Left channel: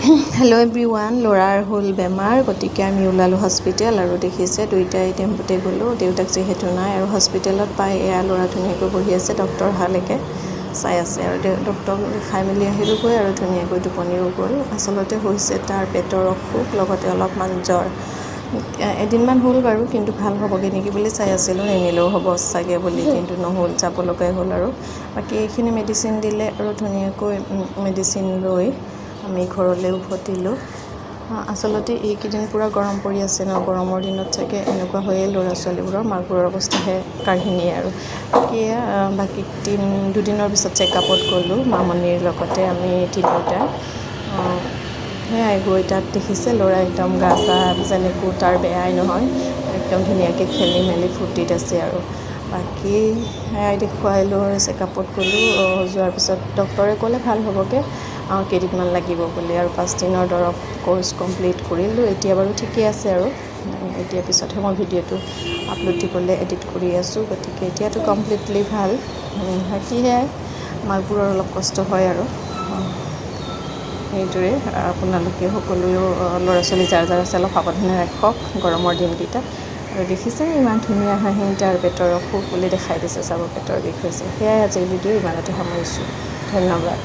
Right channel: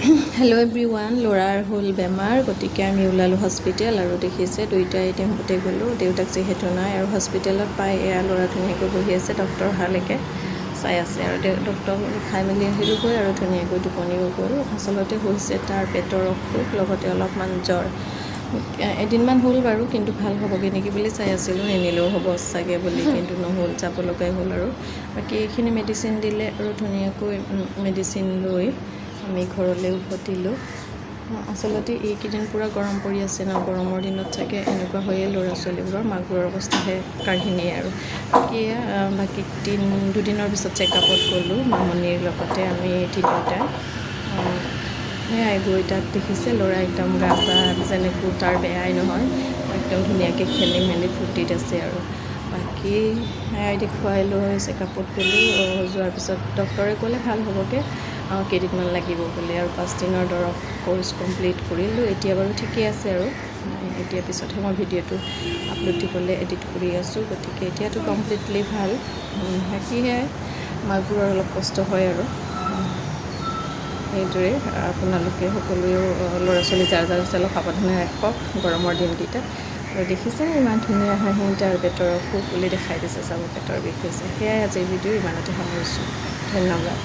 Hello' everyone, ল'ৰাৰ হ'ল বেমাৰ, গতিকে আমি ওলালোঁ হস্পিটেল। আৰু দেখিছে দুইটাই টেম্পুতে গ'লোঁ, দেউতাক যিহেতু নাই। আৰু হস্পিটেলত পাই এয়া ল'ৰা ধুনীয়াকৈ বহি আছে, ডক্টৰ অহালৈকে চাই আছে। আৰু ডক্টৰক দেখাই মেলি আহিলোঁগৈ আৰু ধুনীয়াকৈ টোপনিও গ'ল। আচলতে হৈছে তাৰ পেটৰ অসুখ, লগতে অলপমান জ্বৰ। এদিনমান হ'ল বাৰু, কিন্তু ভাল হ'বগৈ নেকি বুলি চাই আছিলোঁ, নিনিলেও হ'ব চাগে বুলি, কিন্তু নহ'ল, যাব লগাই হ'ল। আৰু বাকী এইখিনি মেডিচিন দিলে আৰু ধুনীয়াকৈ মেডিচিন লৈ আমি ঘৰলৈ উভতিলোঁ। আচলতে এইকেইদিন পূৰা গৰম পৰি আছে ন, গৰমৰ দিনত চাগে এনেকুৱা হয়েই ল'ৰা ছোৱালীবোৰৰ, মাকবোৰৰ অৱস্থাহে কাঢ়িনিয়ে। আৰু বাকী দুদিনৰ পিছত চেকআপত গ'লোঁ মামনিৰ লগতে আমি তিনিওটা। সেয়াই গৈ তাত দেখিছে ল'ৰা একদম গা চা যেনেকৈ তাৰ বেয়াই নহয়, একদম ধুনীয়াকৈ খেলি মেলি ফূৰ্তিত আছে। আৰু বাকী সেয়াই দেখুৱাই লৈ চেকআপত গ'লোঁ। যোৱাৰ পিছত ডক্টৰে ক'লে ভাল হ'বগৈ, কেইদিনমান লাগিব বুলি। আৰু 5 দিনৰ দৰৱ কোৰ্চ কমপ্লিট কৰিলোঁ। এতিয়া বাৰু ঠিকেই আছে। আৰু এতিয়া পিছতহে মই ভিডিঅ'টো আপলোড দিবলৈ এডিট কৰি আছোঁ, গতিকে এতিয়াতো কমপ্লিটলি ভাল। সেয়াই মাকবোৰৰ অলপ কষ্ট হয়। আৰু সেইদৰে আপোনালোকে সকলোৱেও ল'ৰা ছোৱালী যাৰ যাৰ আছে অলপ সাৱধানে ৰাখক গৰমৰ দিনকেইটা। আৰু দেখিছে ইমান ধুনীয়া হাঁহি, তাৰ পেটৰ অসুখ বুলি দেখাই দিছে, চাব পেটৰ বিষ হৈছে। সেয়াই আজিৰ ভিডিঅ' ইমানতে সামৰিছোঁ, ধন্যবাদ।